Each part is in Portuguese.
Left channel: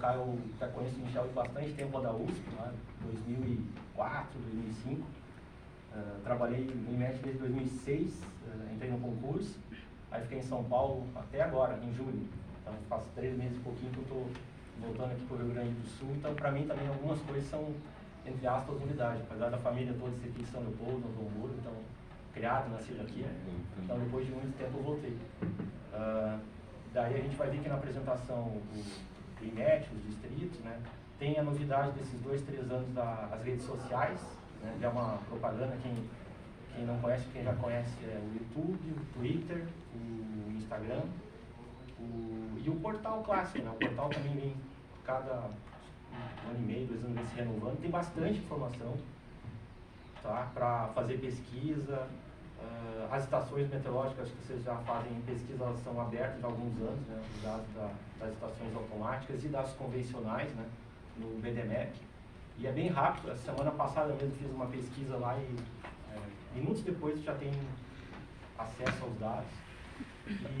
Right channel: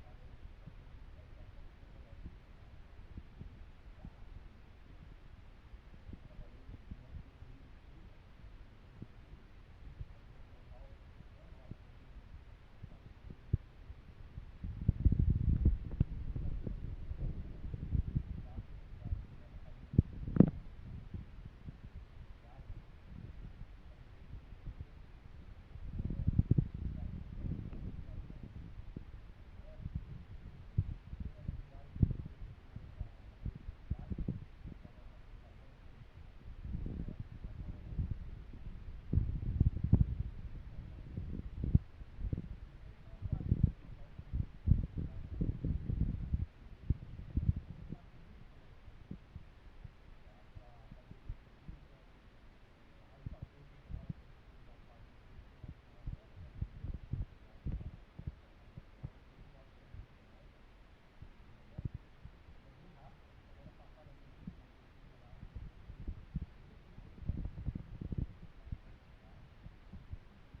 colocar, eu já conheço o Michel há bastante tempo lá da USP, lá 2004, 2005. Trabalhei no IMET desde 2006, entrei no concurso, aí fiquei em São Paulo até agora, em julho. Então faz 3 meses e pouquinho que eu estou voltando aqui para o Rio Grande do Sul, então para mim também algumas coisas são, entre aspas, novidade, apesar da família toda ser aqui em São Leopoldo, Novo Hamburgo, então criado, nascido aqui, então depois de muito tempo eu voltei. Daí a gente vai ver que na apresentação do IMET, os distritos, né, tem a novidade desses 2, 3 anos das redes sociais, né, já é uma propaganda, quem não conhece, quem já conhece é o YouTube, o Twitter, o Instagram, e o portal clássico, né, o portal também vem cada 1 ano e meio, 2 anos vem se renovando, tem bastante informação, tá, para fazer pesquisa. As estações meteorológicas que vocês já fazem pesquisa, elas são abertas há alguns anos, né, os dados das estações automáticas e das convencionais, né, no BDMEP. E é bem rápido. Essa semana passada eu mesmo fiz uma pesquisa lá e minutos depois já tem acesso aos dados.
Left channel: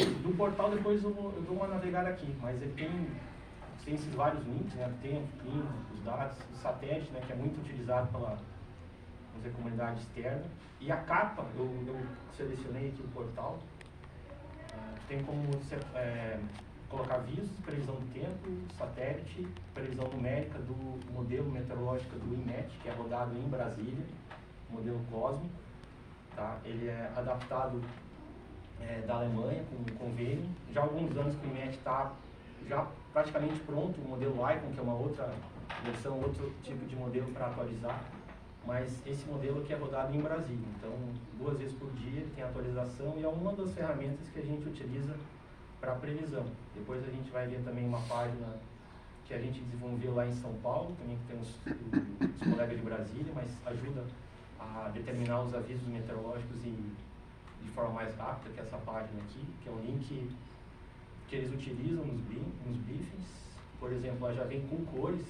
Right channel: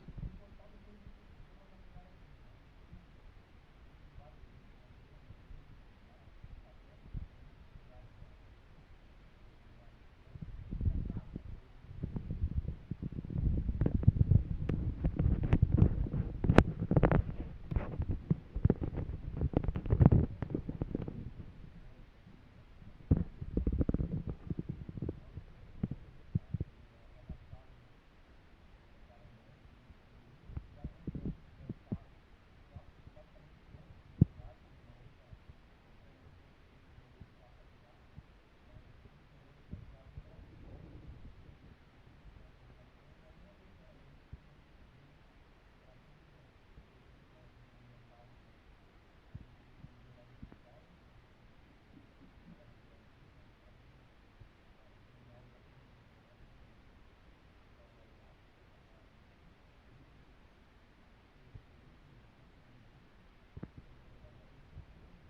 E do portal depois eu dou uma navegada aqui, mas ele tem esses vários links, né, tem o clima, os dados, o satélite, né, que é muito utilizado pela comunidade externa. E a capa, eu selecionei aqui o portal, tem como colocar avisos, previsão do tempo, satélite, previsão numérica do modelo meteorológico do IMET, que é rodado em Brasília, modelo cósmico, tá? Ele é adaptado da Alemanha, com um convênio. Já há alguns anos que o IMET está já praticamente pronto, o modelo Icon, que é uma outra versão, outro tipo de modelo para atualizar. Mas esse modelo aqui é rodado em Brasília, então 2 vezes por dia tem atualização e é uma das ferramentas que a gente utiliza para previsão. Depois a gente vai ver também uma página que a gente desenvolveu lá em São Paulo, também que tem os colegas de Brasília, mas ajuda a determinar os avisos meteorológicos de forma mais rápida, que é essa página aqui, que é um link que eles utilizam nos briefings. Por exemplo, ela já vem com cores.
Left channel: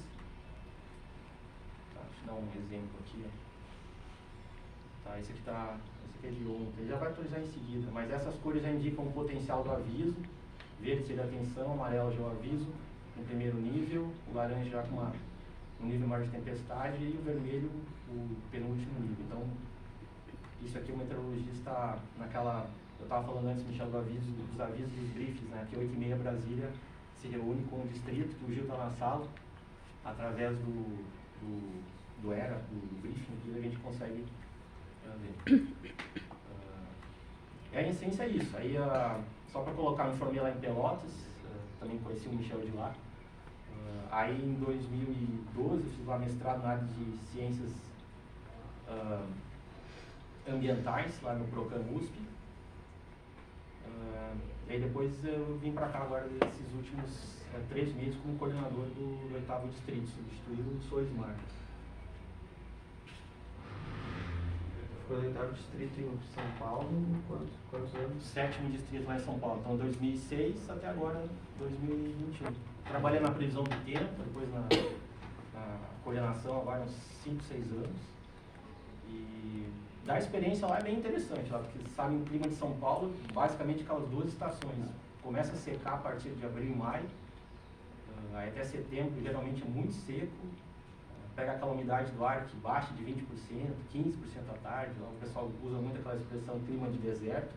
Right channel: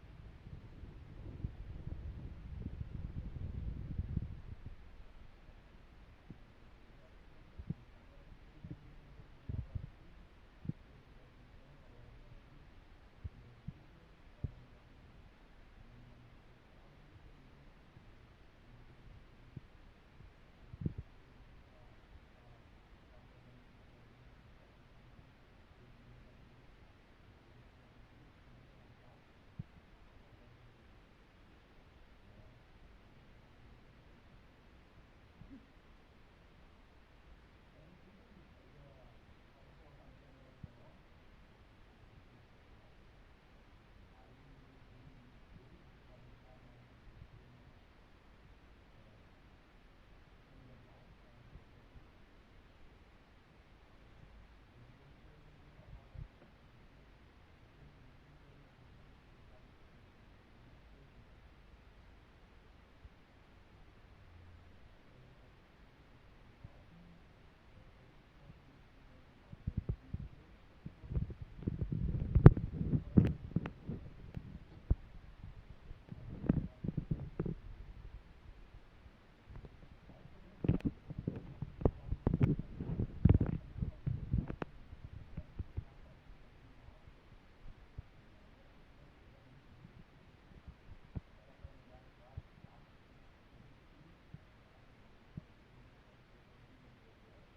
Dar um exemplo aqui, tá, esse aqui é de ontem, ele já vai atualizar em seguida, mas essas cores já indicam o potencial do aviso. Verde seria atenção, amarelo já é o aviso no primeiro nível, o laranja já com um nível maior de tempestade e o vermelho o penúltimo nível. Então isso aqui o meteorologista naquela, eu estava falando antes, Michel, dos avisos dos briefings, né, que 8h30 Brasília se reúne com o distrito, que o Gil está na sala, através do ERA, do briefing, que a gente consegue ver. A essência é isso. Aí, só para colocar, eu me formei lá em Pelotas, também conheci o Michel de lá. Aí em 2012 eu fiz lá mestrado na área de ciências ambientais, lá no Procam USP. E aí depois eu vim para cá agora nesses últimos 3 meses como coordenador do 8º distrito, substituindo o Soismar. Foi o distrito em São Paulo, quantos anos? 7º distrito lá em São Paulo, então 2006 até agora 2021. Trabalhei na previsão do tempo, depois na coordenação agora uns 5, 6 anos. E da experiência lá é bem interessante, lá, porque sabe o clima de São Paulo, basicamente aquelas 2 estações. Começa a secar a partir de abril e maio, aí até setembro geralmente é muito seco. Pega aquela umidade do ar que baixa de 20%, 15% à tarde. O pessoal usa muito aquela expressão clima de deserto.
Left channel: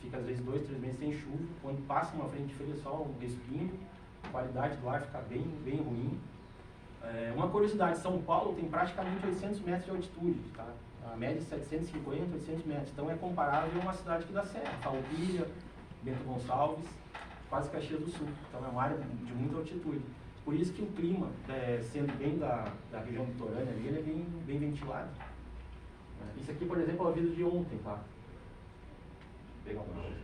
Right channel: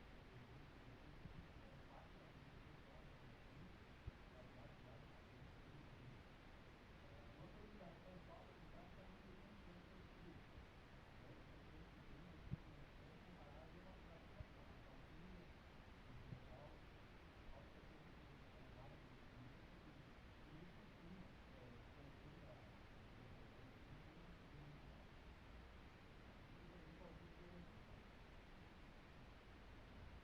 Fica às vezes 2, 3 meses sem chuva. Quando passa uma frente fria, só um respingo, a qualidade do ar fica bem ruim. Uma curiosidade, São Paulo tem praticamente 800 metros de altitude, tá? A média é 750, 800 metros. Então é comparável a uma cidade aqui da Serra, Farroupilha, Bento Gonçalves, quase Caxias do Sul. Então é uma área de muita altitude. Por isso que o clima, sendo bem da região litorânea ali, ele é bem ventilado. Isso aqui, por exemplo, é o aviso de ontem, tá? Vou pegar uma coisa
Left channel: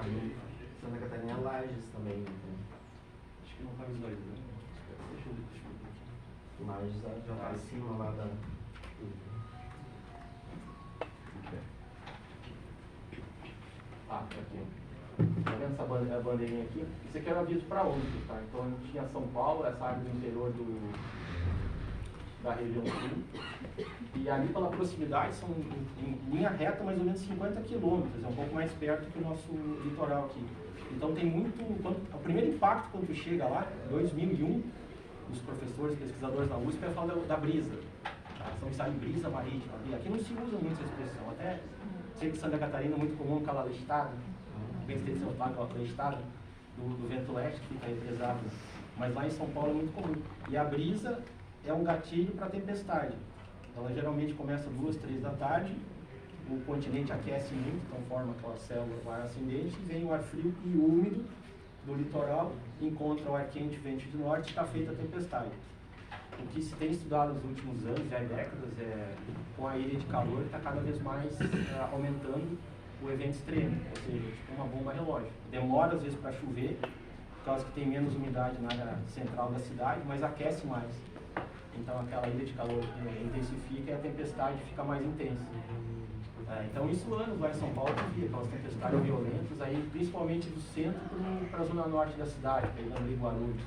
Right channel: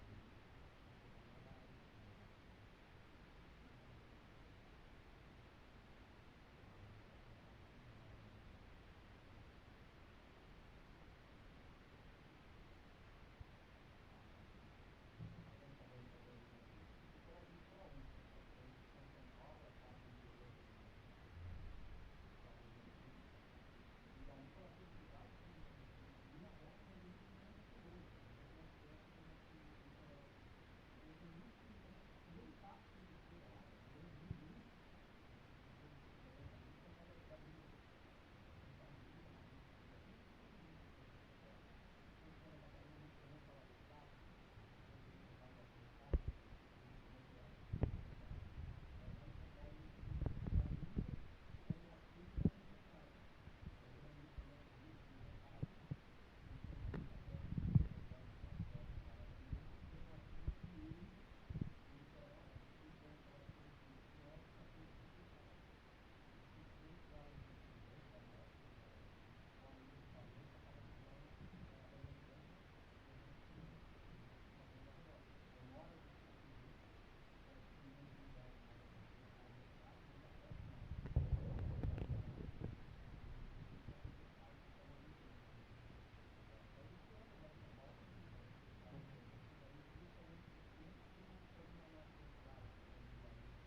aqui. Santa Catarina é Lages também. Acho que não está visualizando. Deixa eu ver aqui. Lages já está em cima lá da... Tá aqui. Tá vendo essa bandeirinha aqui? Isso aqui era aviso para ontem, tá? Então a gente tinha São Paulo, essa área do interior da região sul. E ali pela proximidade são em linha reta mais ou menos 50 quilômetros, é um pouco mais perto que o nosso litoral aqui. Então tem muito, o primeiro impacto quando tu chega lá, em 2001, os professores, pesquisadores da USP, é falar da brisa. A ação sai brisa marítima. E aqui não se usa muito essa expressão, até sei que em Santa Catarina é muito comum aquela lestada, bem se São Paulo, aquela lestada do vento leste, que fica pesado. Mas lá em São Paulo é muito comum. E a brisa é um gatilho para tempestade. Ela geralmente começa 2, 3 da tarde, o continente aquece muito, então forma aquela célula com ar ascendente, e vem o ar frio e úmido do litoral, encontra o ar quente e vento de norte e está feita a tempestade. O que se tem estudado nos últimos anos, já há décadas, é com a ilha de calor está cada vez mais aumentando o evento extremo, ou seja, tipo uma bomba relógio. Demora às vezes para chover, por causa que tem menos umidade na área central da cidade, mas aquece mais. Então aquela ilha de calor intensifica e a tempestade fica mais intensa. Então isso anos lá em São Paulo havia aquelas tempestades violentas, aí, principalmente do centro para a zona norte da cidade, pegando ali Guarulhos.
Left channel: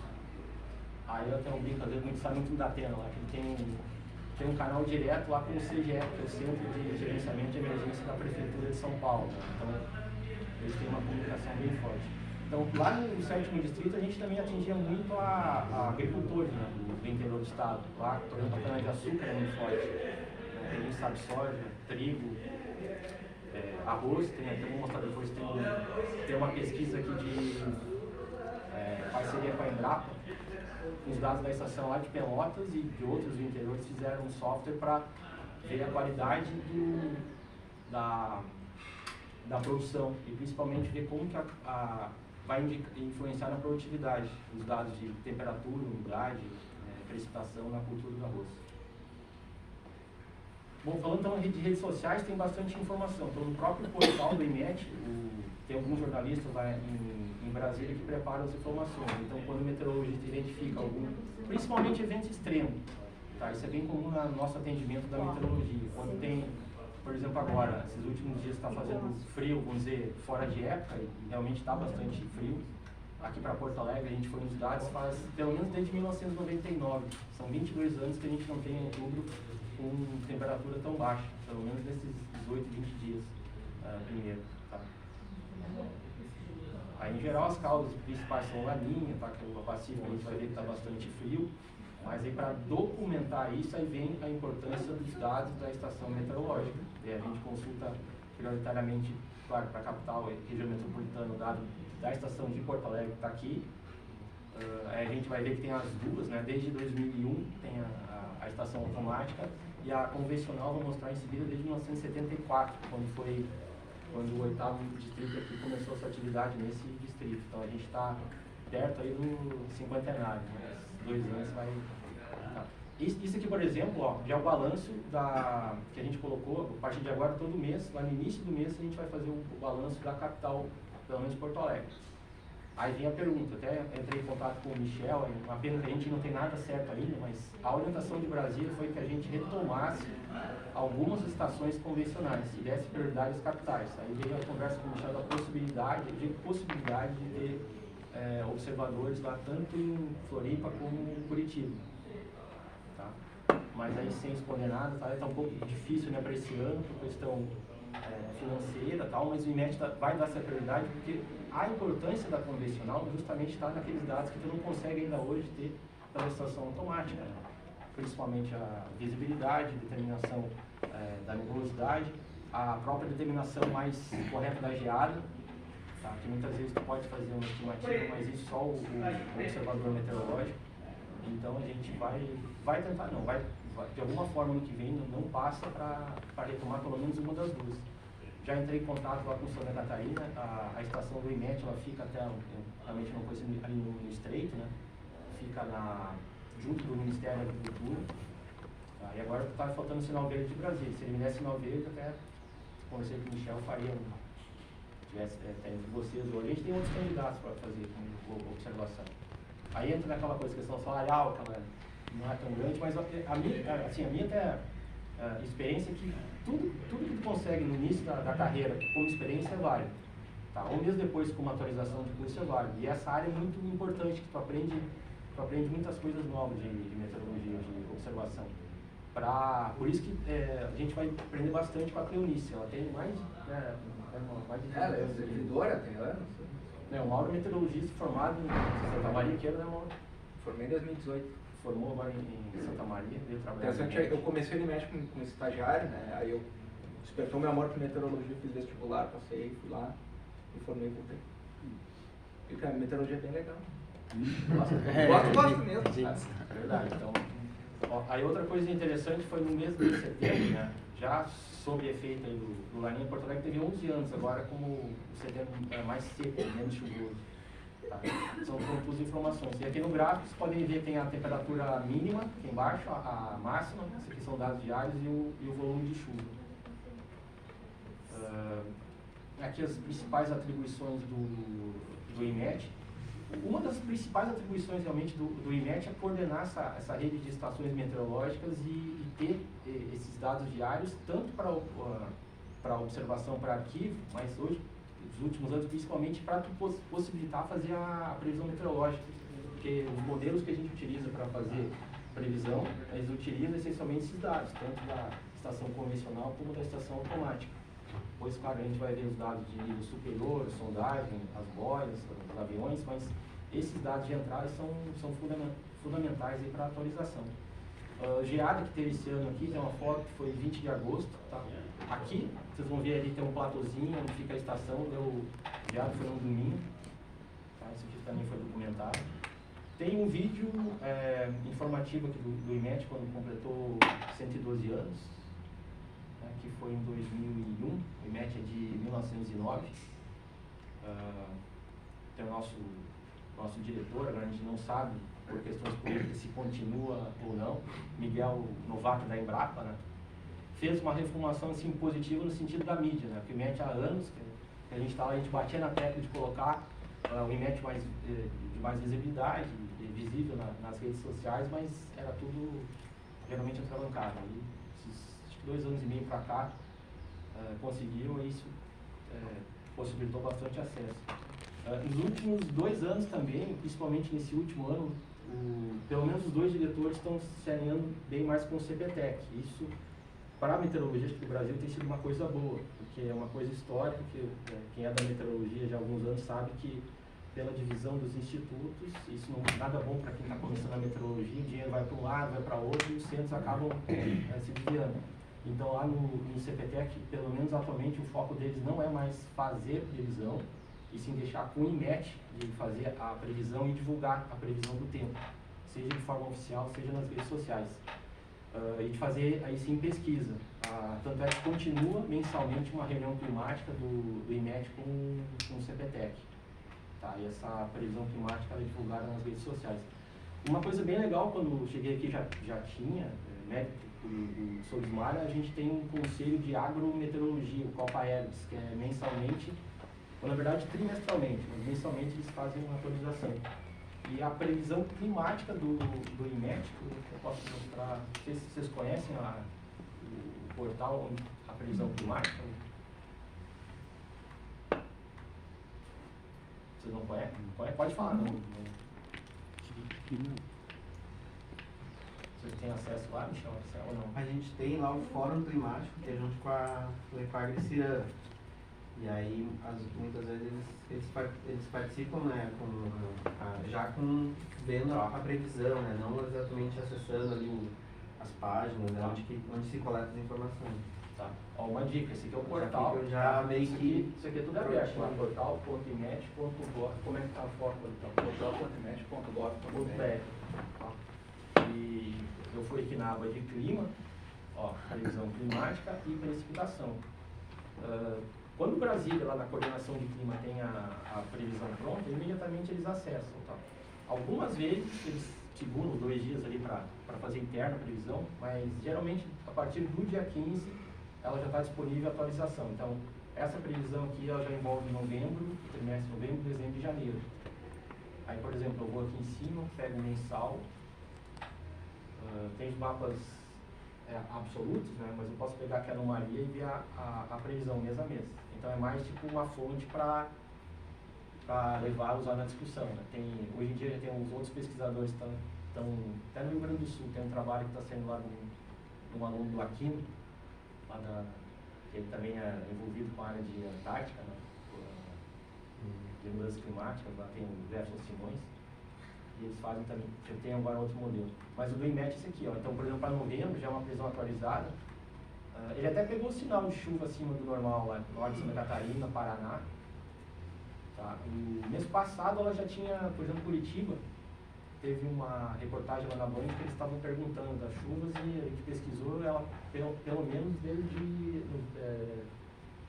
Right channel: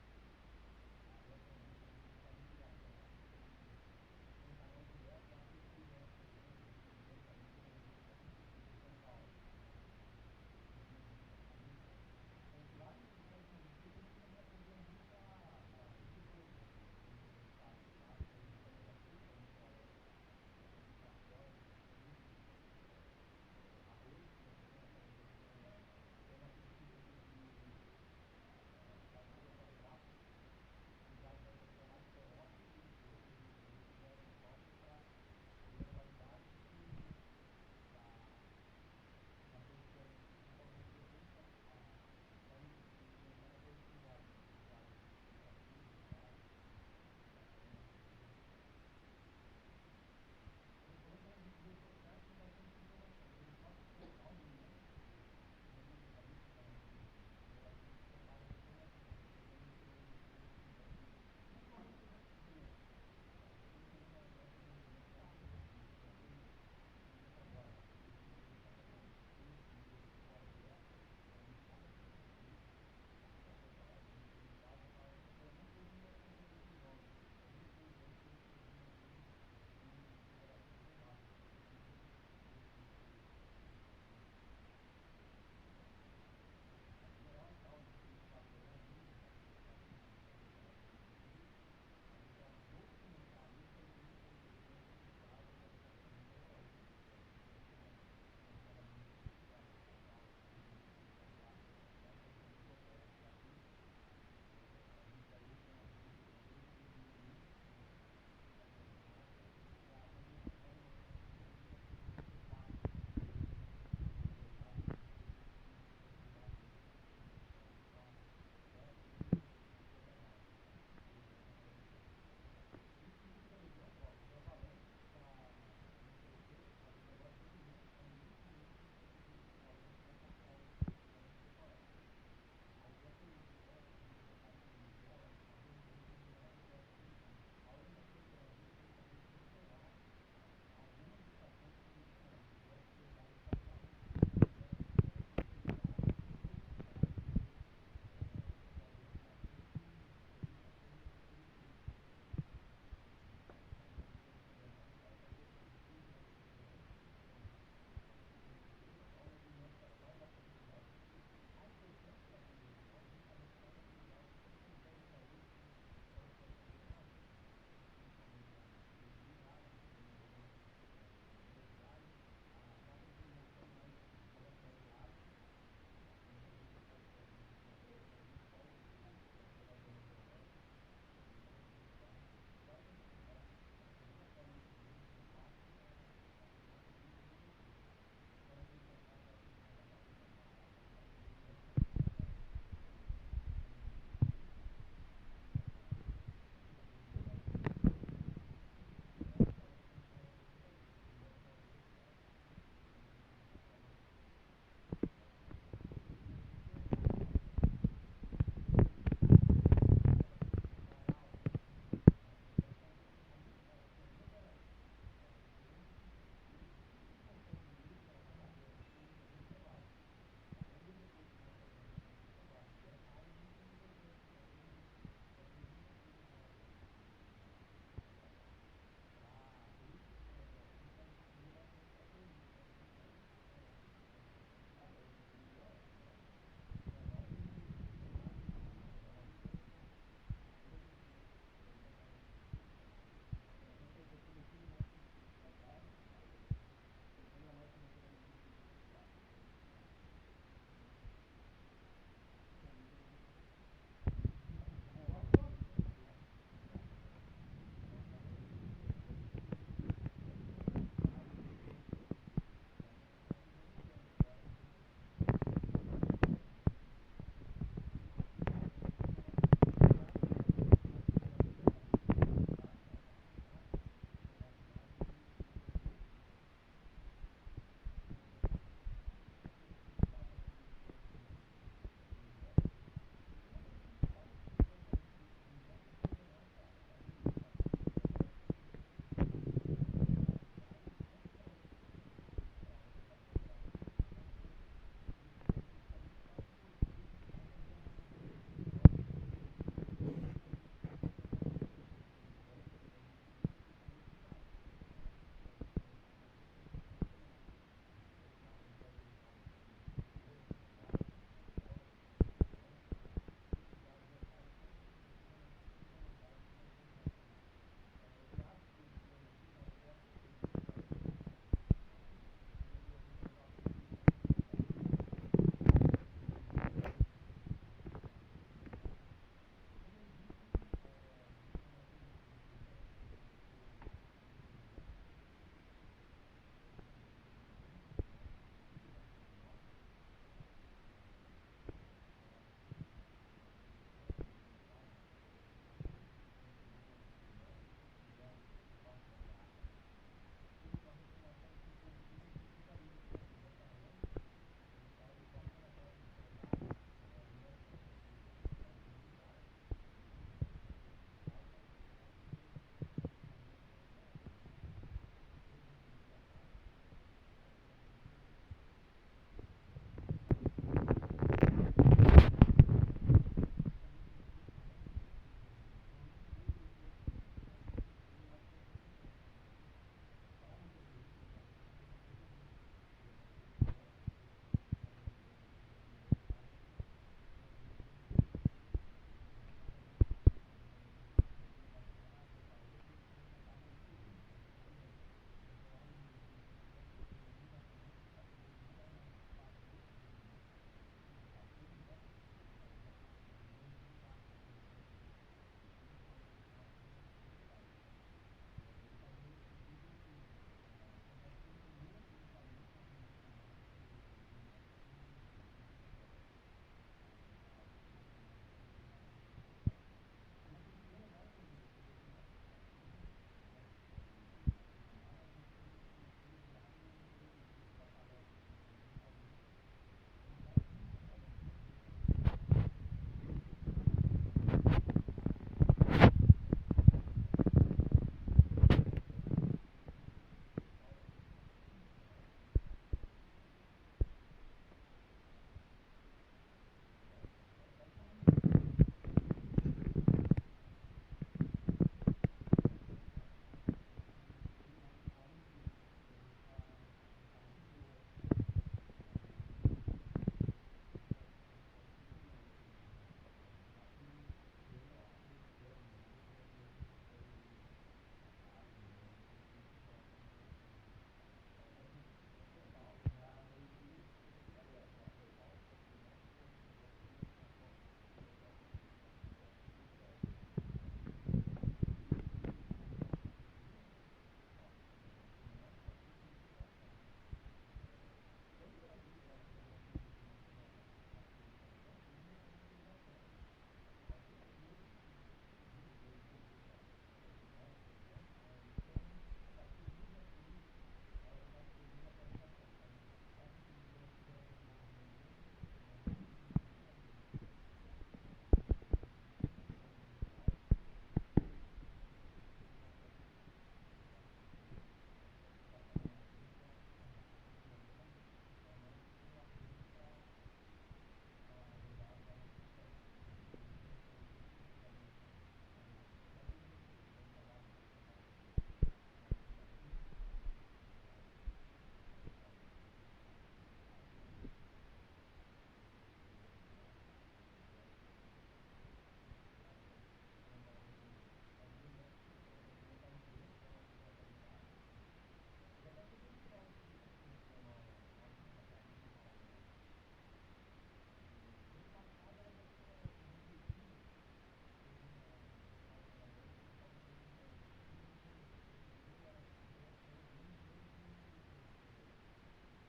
Aí eu tenho um brincadeira, muito sabe muito da Atena lá, que tem um canal direto lá com o CGE, que é o Centro de Gerenciamento de Emergência da Prefeitura de São Paulo. Então eles têm uma comunicação bem forte. Então lá no 7º distrito a gente também atingia muito a agricultores, né, do interior do estado. Lá, por exemplo, a cana-de-açúcar é muito forte. Tem gente sabe soja, trigo, arroz, vou mostrar depois, tem uma pesquisa aqui de parceria com a Embrapa, com os dados da estação lá de Pelotas e de outros interiores fizeram um software para ver a qualidade da produção e principalmente ver como que vai influenciar na produtividade, os dados de temperatura, umidade, precipitação na cultura do arroz. Bom, falando então de redes sociais, tem bastante informação. Então, no próprio portal do IMET, tem alguns jornalistas lá em Brasília que preparam as informações. Então, quando o meteorologista identifica principalmente eventos extremos, tá? Isso é bem comum no nosso atendimento da meteorologia. Quando tem, por exemplo, agora, esses últimos dias está fazendo frio, vamos dizer, fora de época, e realmente está bastante frio. Aqui para Porto Alegre, a gente foi nos dados faz pelo menos desde 1999. São 22 anos que a gente não tem em outubro com temperatura tão baixa, pelo menos nesses 18, 20 dias primeiro. Tá? Aí, em geral, as causas principais são Laninha, tá? Que o Pacífico a gente vai ver que está bastante frio, mas aí para documentar isso, aí vem a importância dos dados da estação meteorológica. E a gente consulta prioritariamente, claro, para a capital e região metropolitana, o dado da estação de Porto Alegre que está aqui. Aí a gente vai ver que tem as duas, né? Desde 2001 tem a estação automática e a convencional, vou mostrar em seguida, desde 1974, quando o 8º distrito aqui começou a sua atividade nesse distrito. Então a gente está perto aí do cinquentenário, né? 2 anos vai... Tá. Isso aqui, por exemplo, ó, já é o balanço que a gente colocou, a partir de agora, todo mês, lá no início do mês, a gente vai fazer o balanço da capital, pelo menos Porto Alegre. Aí vem a pergunta, até entrei em contato com o Michel, uma pena que a gente não tem nada certo ainda, mas a orientação de Brasília foi que a gente retomasse algumas estações convencionais e desse prioridade às capitais. Aí veio a conversa com o Michel da possibilidade de ter observadores lá tanto em Floripa como em Curitiba. Tá? Mas aí sem esconder nada, tá? Tá um pouco difícil, né, para esse ano, por questão financeira e tal, mas o IMET vai dar essa prioridade porque a importância da convencional justamente está naqueles dados que tu não consegue ainda hoje ter pela estação automática, né? Principalmente a visibilidade, determinação da nebulosidade, a própria determinação mais correta da geada, tá? Que muitas vezes tu pode fazer uma estimativa, mas isso só o observador meteorológico. Então a gente vai tentar, de alguma forma no que vem não passa para retomar pelo menos uma das duas. Já entrei em contato lá com Santa Catarina, a estação do IMET, ela fica até, realmente uma coisa ali no estreito, né? Fica junto do Ministério da Agricultura. Tá? E agora está faltando sinal verde de Brasília. Se ele me der sinal verde, até conversei com o Michel, faria, tivesse entre vocês hoje. A gente tem outros candidatos para fazer como observação. Aí entra naquela coisa, questão salarial, que ela não é tão grande, mas a minha até experiência é que tudo que tu consegue no início da carreira como experiência é válido. Tá? Ou mesmo depois com uma atualização de curso é válido. E essa área é muito importante, que tu tu aprende muitas coisas novas de meteorologia, de observação. Por isso que a gente vai aprender bastante com a Cleonice. Ela tem mais, mais de ela é servidora, tem anos. O Mauro é meteorologista formado em Santa Maria, que era, né, Mauro? Formei em 2018. Formou agora em Santa Maria, veio trabalhar. Interessante, eu comecei no IMET como estagiário, né? Aí eu despertou meu amor por meteorologia, fiz vestibular, passei, fui lá e formei por tempo. E cara, meteorologia é bem legal. Gosto mesmo. É verdade. Então, aí outra coisa interessante foi no mês de setembro, né? Já sob efeito aí do Laninha, Porto Alegre teve 11 anos, agora como o setembro é mais seco, menos chuvoso. Tá? São duas informações. E aqui no gráfico vocês podem ver, tem a temperatura mínima aqui embaixo, a máxima, esses aqui são dados diários e o volume de chuva. Aqui as principais atribuições do IMET. Uma das principais atribuições realmente do IMET é coordenar essa rede de estações meteorológicas e ter esses dados diários, tanto para observação, para arquivo, mas hoje, nos últimos anos, principalmente para possibilitar fazer a previsão meteorológica. Porque os modelos que a gente utiliza para fazer previsão, eles utilizam essencialmente esses dados, tanto da estação convencional como da estação automática. Depois, claro, a gente vai ver os dados de nível superior, sondagem, as boias, os aviões, mas esses dados de entrada são fundamentais para a atualização. Geada que teve esse ano aqui, tem uma foto que foi 20 de agosto. Tá? Aqui, vocês vão ver ali, tem um platôzinho onde fica a estação, geada foi no domingo. Tá? Isso aqui também foi documentado. Tem um vídeo informativo aqui do IMET, quando completou 112 anos, né, que foi em 2001, o IMET é de 1909. Tem o nosso diretor, agora a gente não sabe, por questões políticas, se continua ou não, Miguel Novato da Embrapa, né, fez uma reformulação assim, positiva no sentido da mídia, né, porque o IMET há anos, que a gente estava, a gente batia na tecla de colocar o IMET de mais visibilidade, visível nas redes sociais, mas era tudo geralmente atravancado. E acho que 2 anos e meio para cá conseguiram, e isso possibilitou bastante acesso. Nos últimos 2 anos também, principalmente nesse último ano, pelo menos os 2 diretores estão se alinhando bem mais com o CPTEC. Isso, para a meteorologia do Brasil, tem sido uma coisa boa, porque é uma coisa histórica, que quem é da meteorologia já há alguns anos sabe que, pela divisão dos institutos, isso não é nada bom para quem está começando a meteorologia, o dinheiro vai para um lado, vai para outro, e os centros acabam se desviando. Então, lá no CPTEC, pelo menos atualmente, o foco deles não é mais fazer previsão, e sim deixar com o IMET de fazer a previsão e divulgar a previsão do tempo, seja de forma oficial, seja nas redes sociais. E de fazer, aí sim, pesquisa. Tanto é que continua mensalmente uma reunião climática do IMET com o CPTEC. Tá? E essa previsão climática é divulgada nas redes sociais. Uma coisa bem legal, quando cheguei aqui já tinha, do Solismar, a gente tem um conselho de agrometeorologia, o Copa Aeres, que é mensalmente, ou na verdade trimestralmente, mas mensalmente eles fazem uma atualização. E a previsão climática do IMET, eu posso mostrar, não sei se vocês conhecem o portal, a previsão climática. Vocês não conhecem? Pode falar, não. Vocês têm acesso lá, Michel? Ou não? A gente tem lá o Fórum Climático, que é junto com a Lepagre Cirano. E aí, muitas vezes, eles participam, né, já vendo a previsão, né, não exatamente acessando ali as páginas, né, onde se coleta as informações. Tá. Ó, uma dica, esse aqui é o portal. Isso aqui é tudo aberto, lá, portal.imet.gov. Como é que tá a foto então? Portal.imet.gov.br. E eu fui aqui na aba de clima, ó, previsão climática e precipitação. Quando o Brasília, lá na coordenação de clima, tem a previsão pronta, imediatamente eles acessam. Tá? Algumas vezes eles seguram 2 dias ali para fazer interna a previsão, mas geralmente a partir do dia 15 ela já está disponível a atualização. Então, essa previsão aqui ela já envolve novembro, trimestre de novembro, dezembro e janeiro. Aí, por exemplo, eu vou aqui em cima, pego o mensal, tem os mapas absolutos, né? Mas eu posso pegar aqui a anomalia e ver a previsão mês a mês. Então é mais tipo uma fonte para para levar usar na discussão. Né? Hoje em dia já tem uns outros pesquisadores que estão até no Rio Grande do Sul, tem um trabalho que está sendo lá num aluno do Aquino, ele também é envolvido com a área de Antártica, né? De mudanças climáticas, lá tem o Jefferson Simões, e eles fazem também, você tem agora outro modelo. Mas o do IMET é esse aqui, ó. Então, por exemplo, para novembro, já é uma previsão atualizada, ele até pegou o sinal de chuva acima do normal lá, no norte de Santa Catarina, Paraná. Tá? E mês passado ela já tinha, por exemplo, Curitiba, teve uma reportagem lá na Band que eles estavam perguntando das chuvas e a gente pesquisou, ela pelo menos desde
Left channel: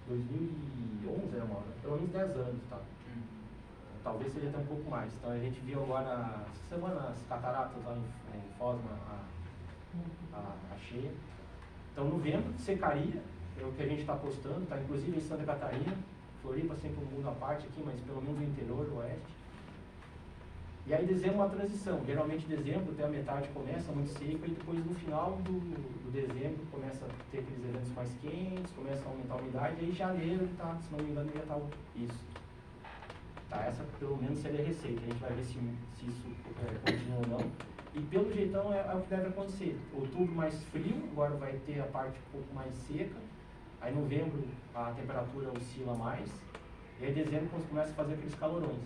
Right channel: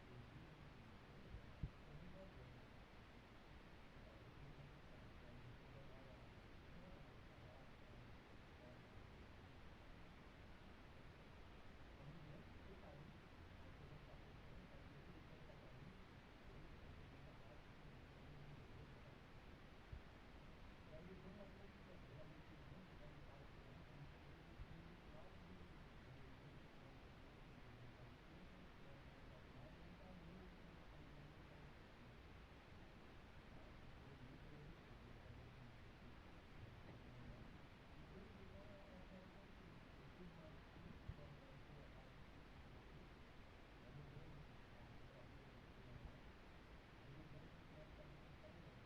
2011, né, Mauro? Pelo menos 10 anos, tá? Talvez seja até um pouco mais. Então a gente viu agora, essa semana, as cataratas lá em Foz, a cheia. Então novembro secaria, é o que a gente está apostando, tá? Inclusive em Santa Catarina, Floripa sempre um mundo à parte aqui, mas pelo menos no interior, no oeste. E aí dezembro uma transição, geralmente dezembro até a metade começa muito seco e depois no final do dezembro começa a ter aqueles eventos mais quentes, começa a aumentar a umidade, e aí janeiro tá, se não me engano já está isso. Tá, essa pelo menos seria a receita, a gente vai ver se isso continua ou não. E pelo jeitão é o que deve acontecer. Outubro mais frio, agora vai ter a parte um pouco mais seca, aí novembro a temperatura oscila mais, e aí dezembro começa a fazer aqueles calorões.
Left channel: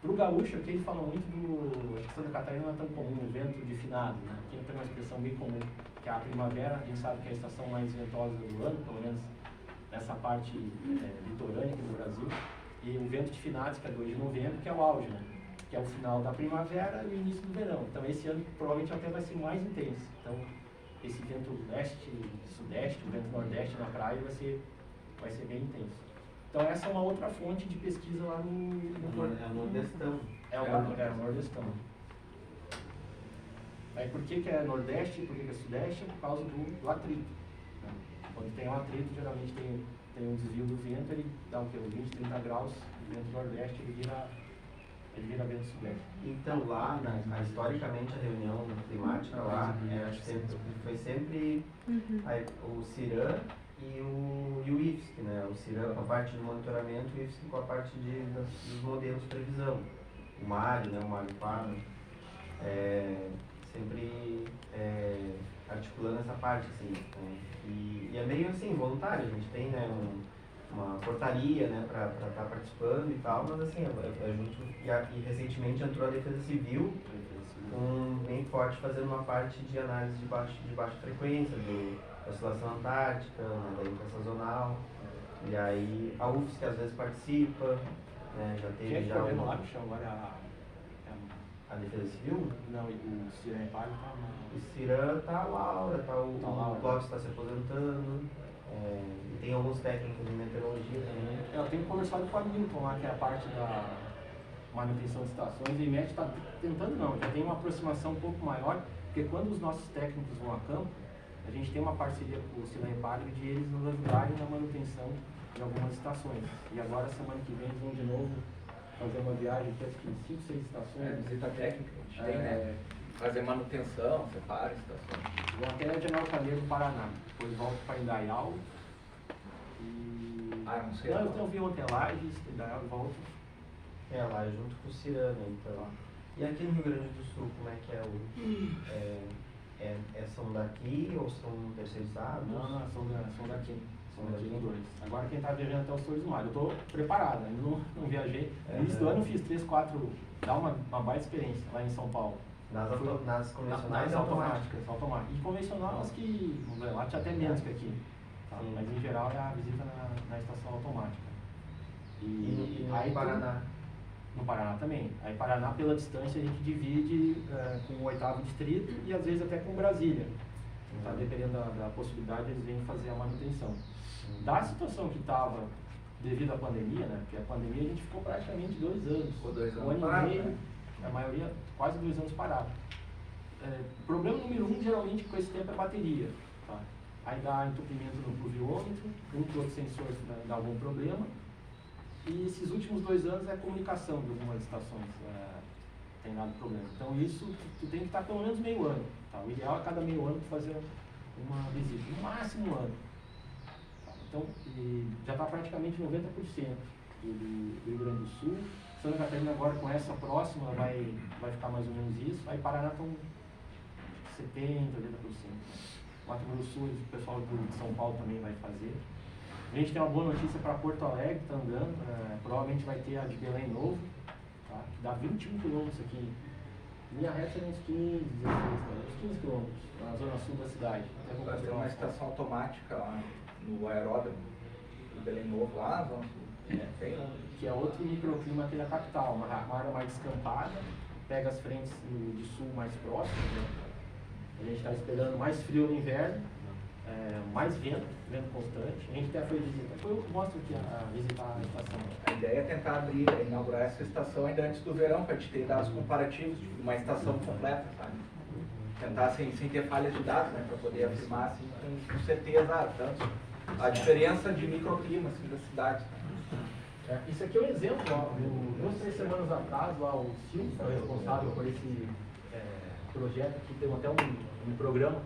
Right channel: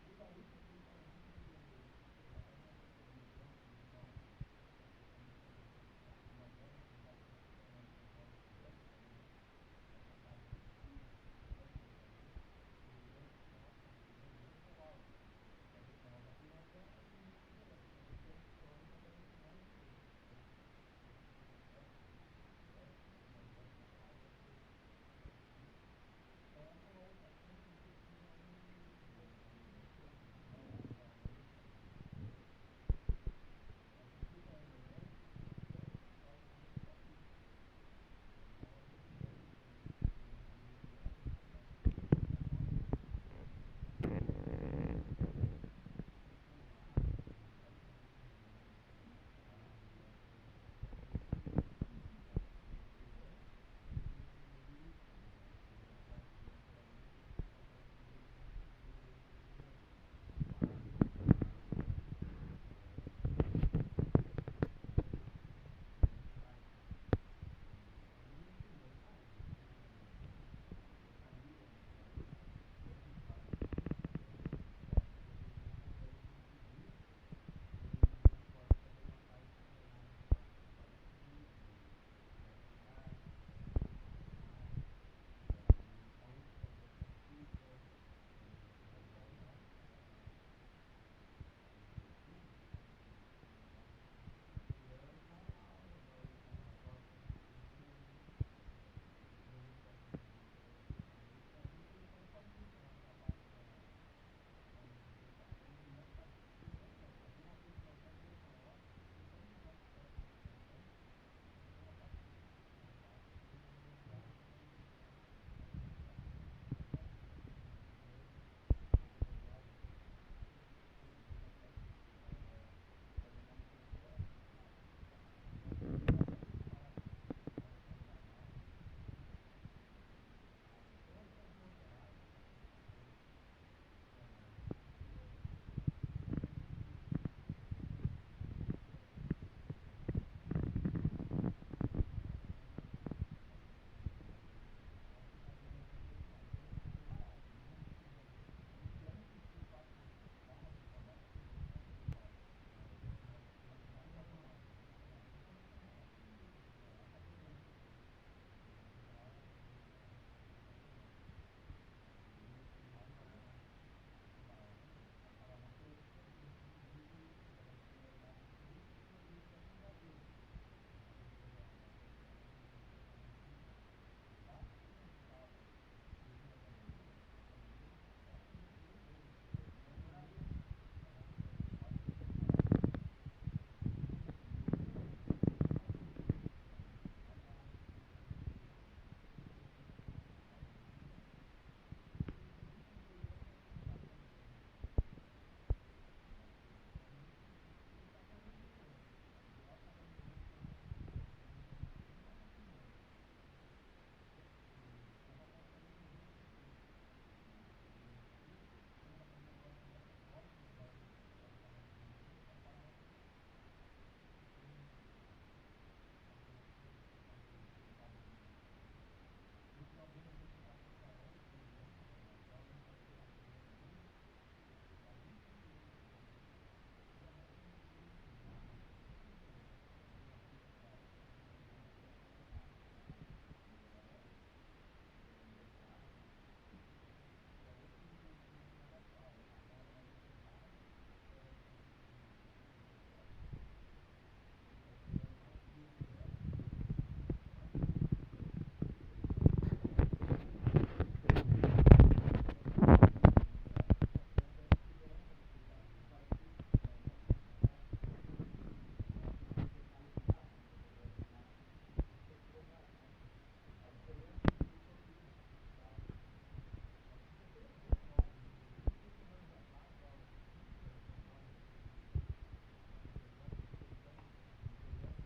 Para o gaúcho, aqui ele fala muito acho que Santa Catarina não é tão comum, o vento de finado, né? Aqui tem uma expressão bem comum, que é a primavera, a gente sabe que é a estação mais ventosa do ano, pelo menos nessa parte litorânea do Brasil, e o vento de finados, que é 2 de novembro, que é o auge, né? Que é o final da primavera e o início do verão. Então esse ano provavelmente até vai ser mais intenso. Então esse vento leste, sudeste, o vento nordeste na praia vai ser bem intenso. Então essa é uma outra fonte de pesquisa lá no Nordestão. É o Nordestão. Aí por que é Nordeste e por que é Sudeste? É por causa do atrito. Né? Quando tem um atrito, geralmente tem um desvio do vento, ele dá o quê? 20, 30 graus, o vento Nordeste ele vira vento Sudeste. Então lá, historicamente, a reunião climática lá foi sempre o CIRAM e o IFSC, né? O CIRAM com a parte de monitoramento e o IFSC com a parte dos modelos de previsão. O Mário, né? O Mário Quadro, sempre articulando essa parte, assim, né? E é meio assim, voluntário, a gente tem, né, uma portaria, né, para estar participando e tal, mas assim, junto, e recentemente entrou a Defesa Civil, bem forte, fazendo uma parte de análise de baixa frequência, da oscilação antártica, né, da intersazonal, e aí a UFSC às vezes participa, né, já teve. Quem é que está vendo lá, Michel, agora a Defesa Civil? Não, e o CIRAM está O CIRAM tá a Laura, o Clóvis está se aposentando, e tem alguns técnicos de meteorologia também. Eu tenho conversado com a Milton lá, que é a parte da manutenção de estações, e o IMET está tentando não, já tem uma aproximação um pouco maior, porque quando os nossos técnicos vão a campo, a gente tem uma parceria com o CIRAM Reparo de eles nos ajudarem na manutenção de algumas estações. E agora, semana que vem, eles vão de novo fazer uma viagem que acho que 5, 6 estações. Visita técnica, a gente tem, né? Fazer manutenção, separa estações. Vão até General Caneiro, Paraná. Depois voltam para Indaial. Não sei. Não, eu vi ontem Lages, Indaial e volta. Lá junto com o CIRAM, então. E aqui no Rio Grande do Sul, como é que são daqui ou são terceirizados? Não, são daqui. São daqui os dois. Agora quem está viajando até os Torres do Mar. Eu estou preparado, ainda não viajei. No início do ano eu fiz 3, 4, dá uma baita experiência lá em São Paulo. Nas convencionais nas automáticas. E convencional, as que, vamos ver, lá tinha até menos que aqui. Tá? Mas em geral é a visita na estação automática. E aí no Paraná? No Paraná também. Aí Paraná, pela distância, a gente divide com o 8º distrito e às vezes até com Brasília. Tá? Dependendo da possibilidade, eles vêm fazer a manutenção. Da situação que estava devido à pandemia, né? Porque a pandemia a gente ficou praticamente 2 anos. Ficou 2 anos 1 ano parado, e meio, né? a maioria quase 2 anos parado. Problema número 1, geralmente, com esse tempo é bateria. Tá? Aí dá entupimento no pluviômetro, um que outro sensor dá algum problema. E esses últimos 2 anos é a comunicação de algumas estações. Tem dado problema. Então isso, tu tem que estar pelo menos meio ano. Tá? O ideal é cada meio ano tu fazer uma visita, no máximo 1 ano. Tá? Então, já está praticamente 90% do Rio Grande do Sul, Santa Catarina agora com essa próxima vai ficar mais ou menos isso. Aí Paraná estão 70%, 80%. Mato Grosso do Sul, o pessoal de São Paulo também vai fazer. A gente tem uma boa notícia para Porto Alegre, está andando. Provavelmente vai ter a de Belém Novo, tá? Que dá 21 quilômetros aqui. Linha reta é uns 15, 16, uns 15 quilômetros na zona sul da cidade. Vai ter uma estação automática lá no aeródromo do Belém Novo, lá na zona sul. Que é outro microclima aqui da capital, uma área mais descampada, pega as frentes de sul mais próximas, né? A gente está esperando mais frio no inverno, mais vento constante. A gente até foi visitar, eu mostro aqui visitar a estação. A ideia é tentar inaugurar essa estação ainda antes do verão, para a gente ter dados comparativos de uma estação completa, sabe? Tentar sem ter falhas de dados, né, para poder afirmar assim, com certeza tanto a diferença de microclima assim, da cidade. Isso aqui é um exemplo, ó, 2-3 semanas atrás, lá o Silvio, que é o responsável por esse projeto aqui, tem até um programa